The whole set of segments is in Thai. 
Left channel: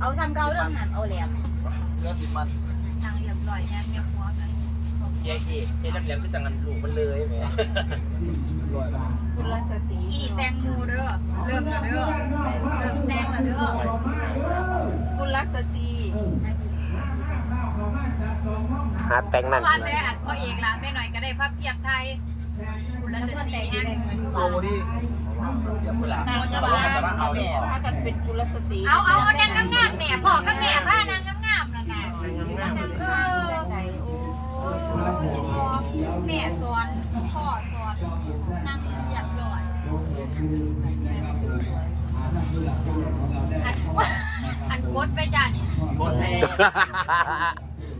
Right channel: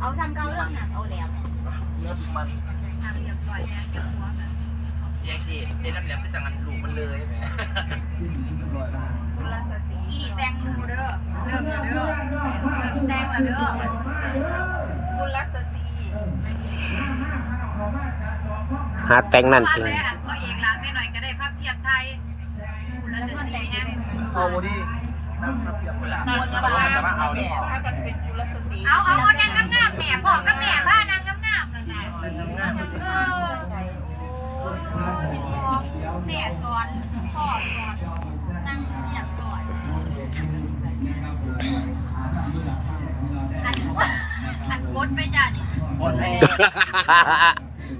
เอาซ้ำเก่าเรื่องหามเอาแหลมเนื้อถึงมันทางเรียบร้อยแล้วเรียบร้อยแยกที่ไอ้น้ำแหลมก็จังงันลูกมันเลยแหมกุลสติอีนี่แตงโมเด้อเริ่มแล้วเด้อเริ่มแตงแล้วเด้อกุลสติหาแต่งนั่นว่ากินแต่อันพ่อเอกล่ะแม่หน่อยก็ได้ภาพเทียบไทยคุณละจะตีแห้งโอ้นี่ทำ เดี๋ยวเวลานอนบ้านแม่พากันเป็นกุลสติเอาเอาเอานางงามๆแม่พ่อกับแม่พานางงามๆนั่นน่ะเออเออแม่สอนพ่อสอนนั่งเรียบร้อยอันอันโคตรไปจ้ะนี่หมดแล้ว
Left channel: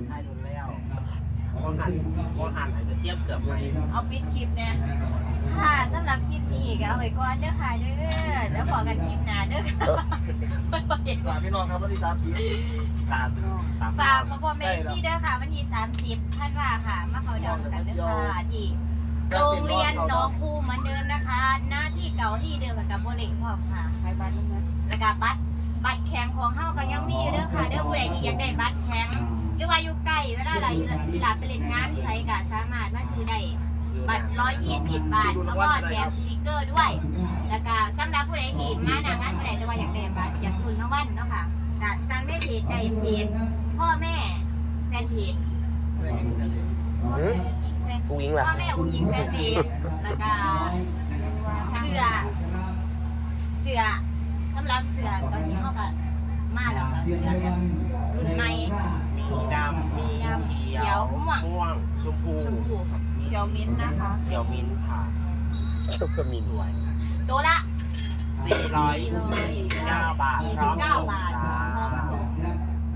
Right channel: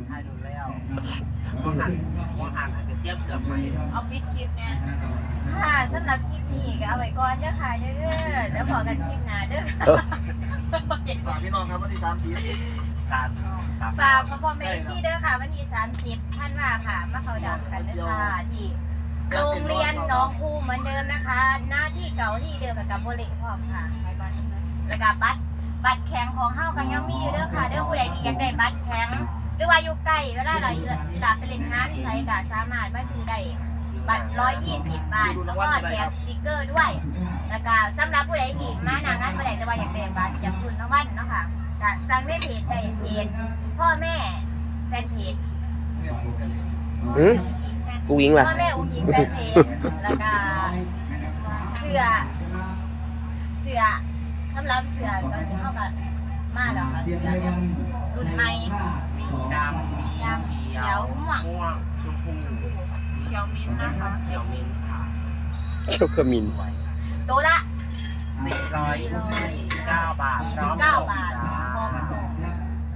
ให้โดนแล้วมองหันมองหันอาจจะเทียบเกือบไหมเอาปิดคลิปเนี่ย ค่ะสำหรับคลิปนี้ก็เอาไว้ก่อนเด้อค่ะเด้อแล้วพอกันคลิปหน้าเด้อค่ะฝากพี่น้องครับวันที่สามสี่ตาตาฝากพ่อพ่อแม่ที่เด้อค่ะ วันที่30ท่านว่าค่ะมาเขาดำกันเด้อค่ะที่โรงเรียนน้องคูเหมือนเดิมนะคะ หน้าที่เก่าที่เดิมแล้วกับโบเละพร้อมค่ะแล้วก็บัตรบัตรแข็งของเฮากันยังมีอยู่เด้อค่ะเด้อผู้ใดที่อยากได้บัตรแข็งหรือว่าอยู่ใกล้เวลาเราอีลาไปเล่นงานไสก็สามารถมาซื้อได้ บัตร120บาท แล้วก็แถมสติกเกอร์ด้วย แล้วก็สำหรับผู้ใดที่มาหนางานผู้ใดแต่ว่าอยากได้บัตรอยากรุ่นรางวัลเนาะค่ะก็สั่งในเพจใดเพจพ่อแม่แฟนเพจหืมกูยิงล่ะพ่อแม่อุ้งยิงแฟนเพจแล้วก็เสื้อเสื้อสำหรับเสื้อตอนนี้เฮาก็มาแล้วค่ะเสื้อแบบรุ่นใหม่มีดำมีเขียวม่วงชมพูชมพูเขียวมิ้นท์นะคะเขียวมิ้นท์ค่ะเขียวขมิ้นสวย ตัวละ 449 บาท พร้อมส่ง49บาทจ้า พร้อมส่ง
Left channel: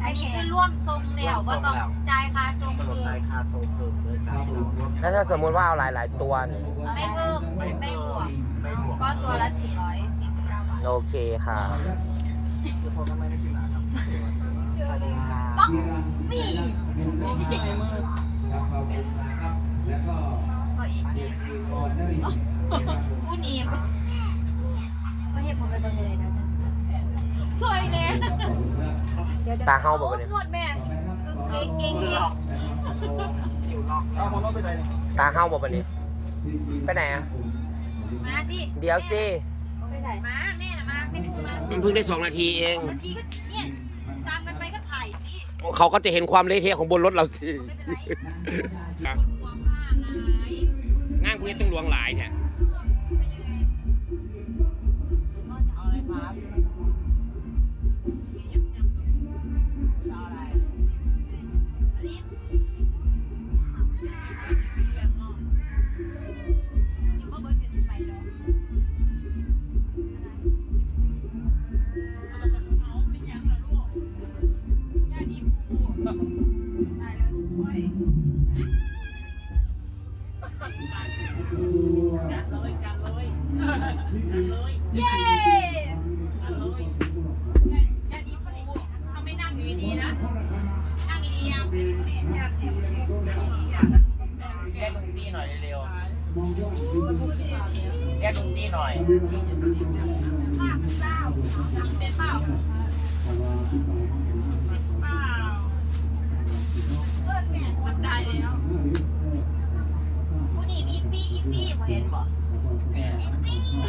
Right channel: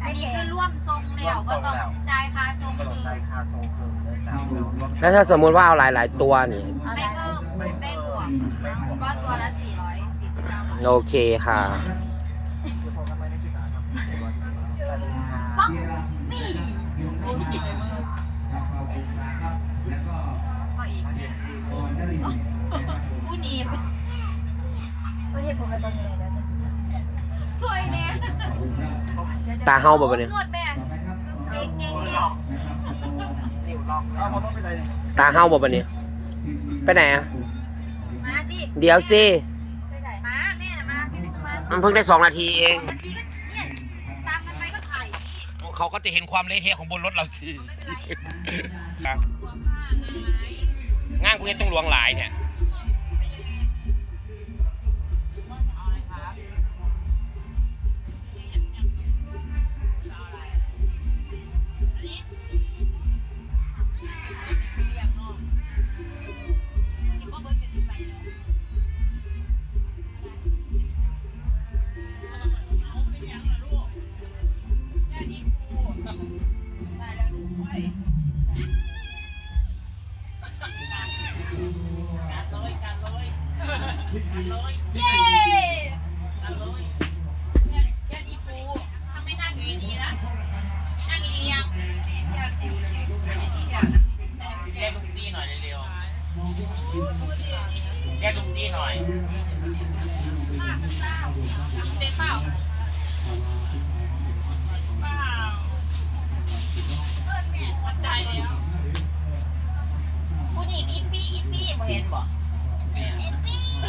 อันนี้คือร่วมทรงแล้วบ่ต้องจ่ายค่าทรงเปิดคือใจคาโซเพิ่มเลยจ้าพี่น้องร่วมแล้วถ้าสมมติว่าเอาหลายๆตัวนี่ ไม่เพิ่มไม่ไม่เพิ่บวมกไม่บวกก็ตัวละ 449 บาทโอเคค่ะคือผมทำไมได้ชื่อหนาครับสวัสดีค่ะ นี่ ตาเฮาบ่บัดนี้นวดแม่เก่งเก่งมือหลอกนิ้วล็อกตาเฮาบ่บัดนี้ไปไหนอะมาสิเดี๋ยวสิมาแม่น่ะมาไม่ดูมามันเพิ่งได้สองนาทีเองบาทีก็เนี่ยตามกันไปก็ถ่ายนี่เขาก็จะเห็นความเละเทะของบนรถเราสิไม่เป็นไรงานกูเห็นต้องหลวงหลายเนี่ย เย้ทำไม่นั่งอยู่ดีๆนะ นั่งดีๆยังแยกลุงจี้หน่อยเร็วๆแยกลุงจี้หน่อย ป้าเป็นเปล่าเป็นเปล่าเปล่ามันได้แล้วผู้นี้อีปี้อีปี้บ่เห็นบ่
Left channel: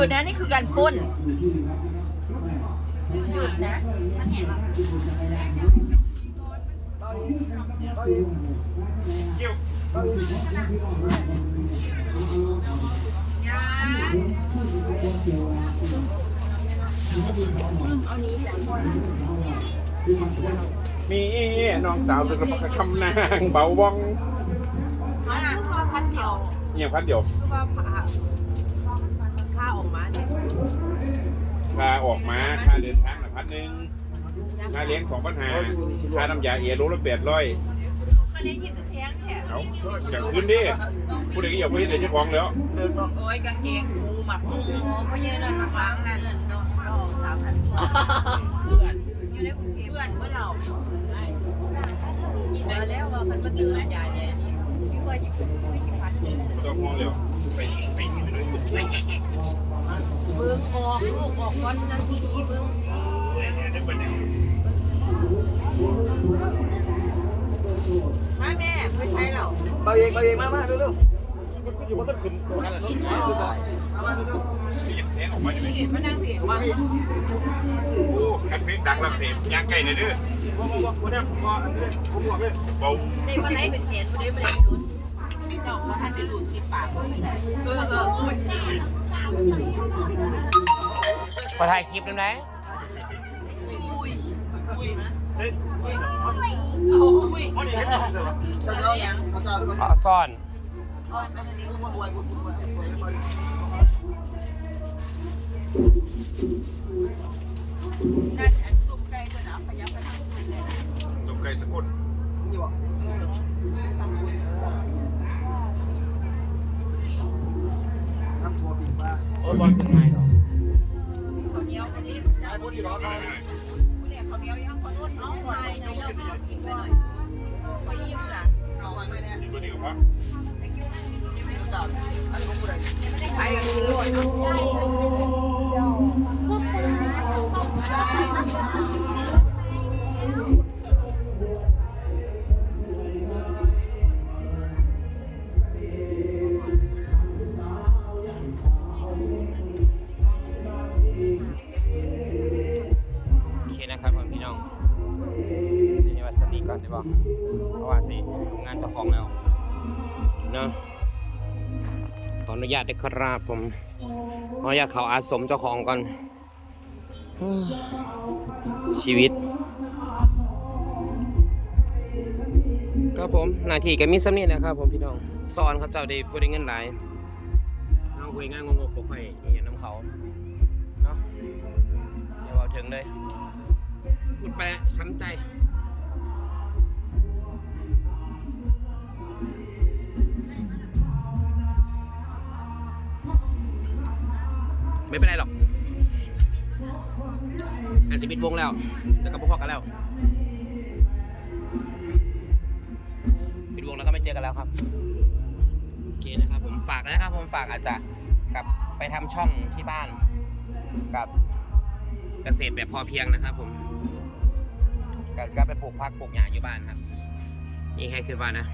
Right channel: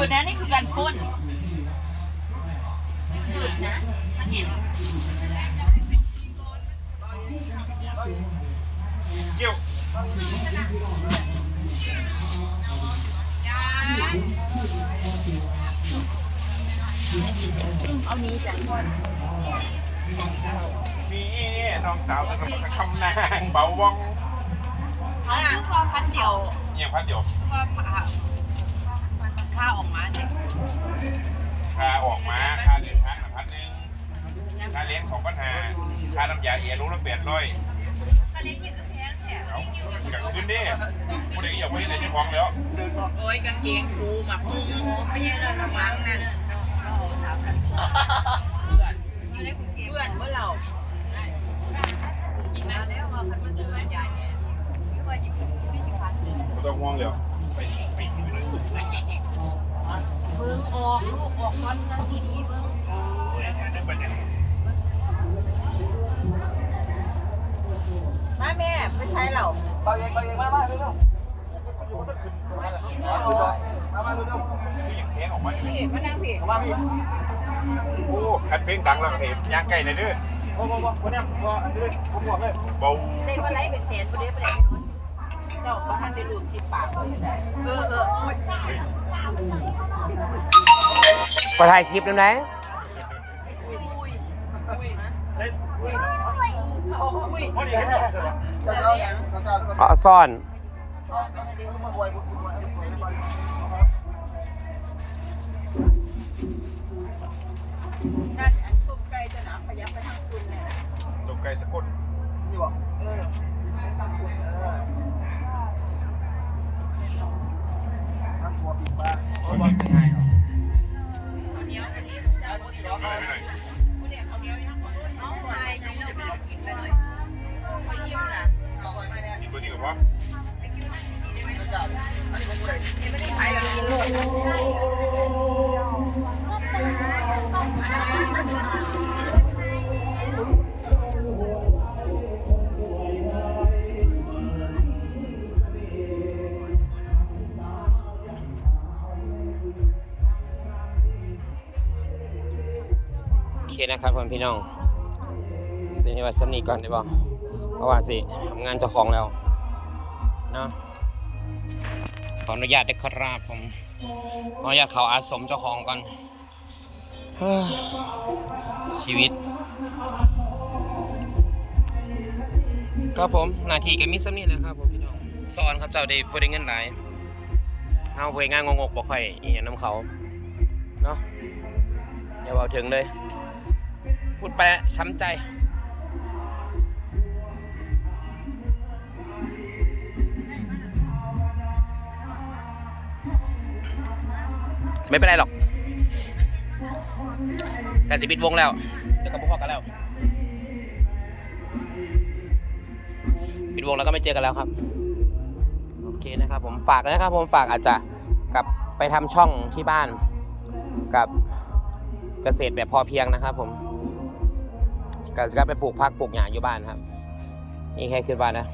ยุดนะนี่คือการพ่นหยุดนะมันเห็นว่ามีน้องสาวจะกระพกคำนางเบาว่องมาชอบพันเดียวเนี่ยพันเดียว ค่าออกมาเนี่ยค่าออกมาค่าเลี้ยงช้างะพันหนึ่งค่าเลี้ยงของปัญหาค่าน้ำยาเอรู้ละแปดร้อยค่าเลี้ยงยี่สิบแพงแถมจากขึ้นดิผู้ใดก็อย่าพูดในเจ้าของแล้วโอ้ยกางเกงกูหมักมือไม่ใช่เลยหมัล้างนั่นเพื่อนยู่ในกรุงเพื่อนเมื่อเรามาแล้วว่ามันมาดื้อยาเนี่ยที่ว่าจะหยุดที่สิบพันไม่ต้องห่วงแล้ว ไปไปที่ได้สุดเลยเบิ้งออกลูกออกก้อนนั่งดีๆเบิ้งนึกไปไหนม่แม่ไม่ใช่เราเบาเองเบาเองมามาเร็วอยู่ก็ต้องขึ้นขึ้นดอกมามาเร็วที่อยากแทงออกมาเลยพี่มานั่งพี่มาพี่โอ้คันเพลงดังแล้วเสพยางไก่ในเด้อว้าวว้าวว้าวเนี่ยว้าวเด้อผมบอกเลยเบาได้มาไล่เป็นแสนบ่ได้บ่ได้ไปโดน เจ้ามาท่านได้หลุดที่ปากเออเอออุ้ยก็ถ่ายคลิปนั่นไหนอุ้ยอุ้ Bye-bye. นะครับผมพี่น้องสิว่าสำนีก่อนได้บ่เพราะว่าสิทำงานเจ้าของแล้วเนาะขออนุญาตได้ครับผมขออนุญาตเขาอาสมเจ้าของก่อนชีวิต ครับผมหน้าที่ก็มีสำนีนะครับผมพี่น้องสอนเขาเจ้าได้บ่ได้เงินหลายเฮาเวยงานงกๆบ่ค่อยอีหยังนํเขาเนาะอย่าเว้าถึงเลย พูดไปช้ำใจ ไม่เป็นไรหรอก แต่จะปิดวงแล้ว เดี๋ยวก็พอกันแล้ว ปิดวงแล้วก็ไม่เจอกันแล้วครับ โอเคนะครับผมฝากนะครับผมฝากอาจจะกลับไปทำช่องที่บ้านกับเกษตรแบบพอเพียงนะครับผม ก็จะไปปลูกพักปลูกหญ้าอยู่บ้านครับ นี่แค่คือบ้านนะ